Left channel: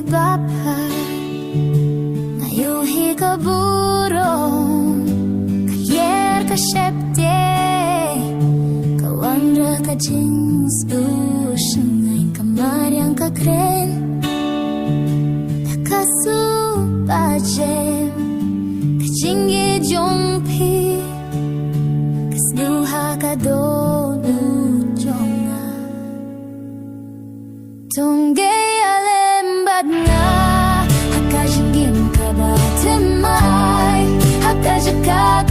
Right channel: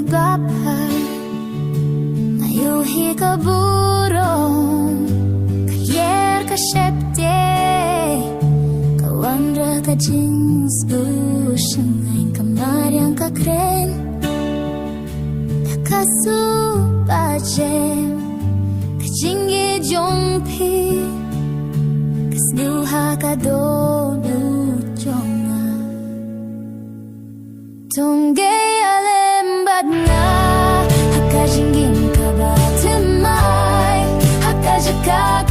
gibapay ngayuhi ka burong kayer ka syepte kawandra ka jings lusyang ngayon kamaryang ka kren takasu bajem kajingi jongpi kasluha ka donu jonga Tongge alembad nga Hakajingin ka ba timay Hakajaka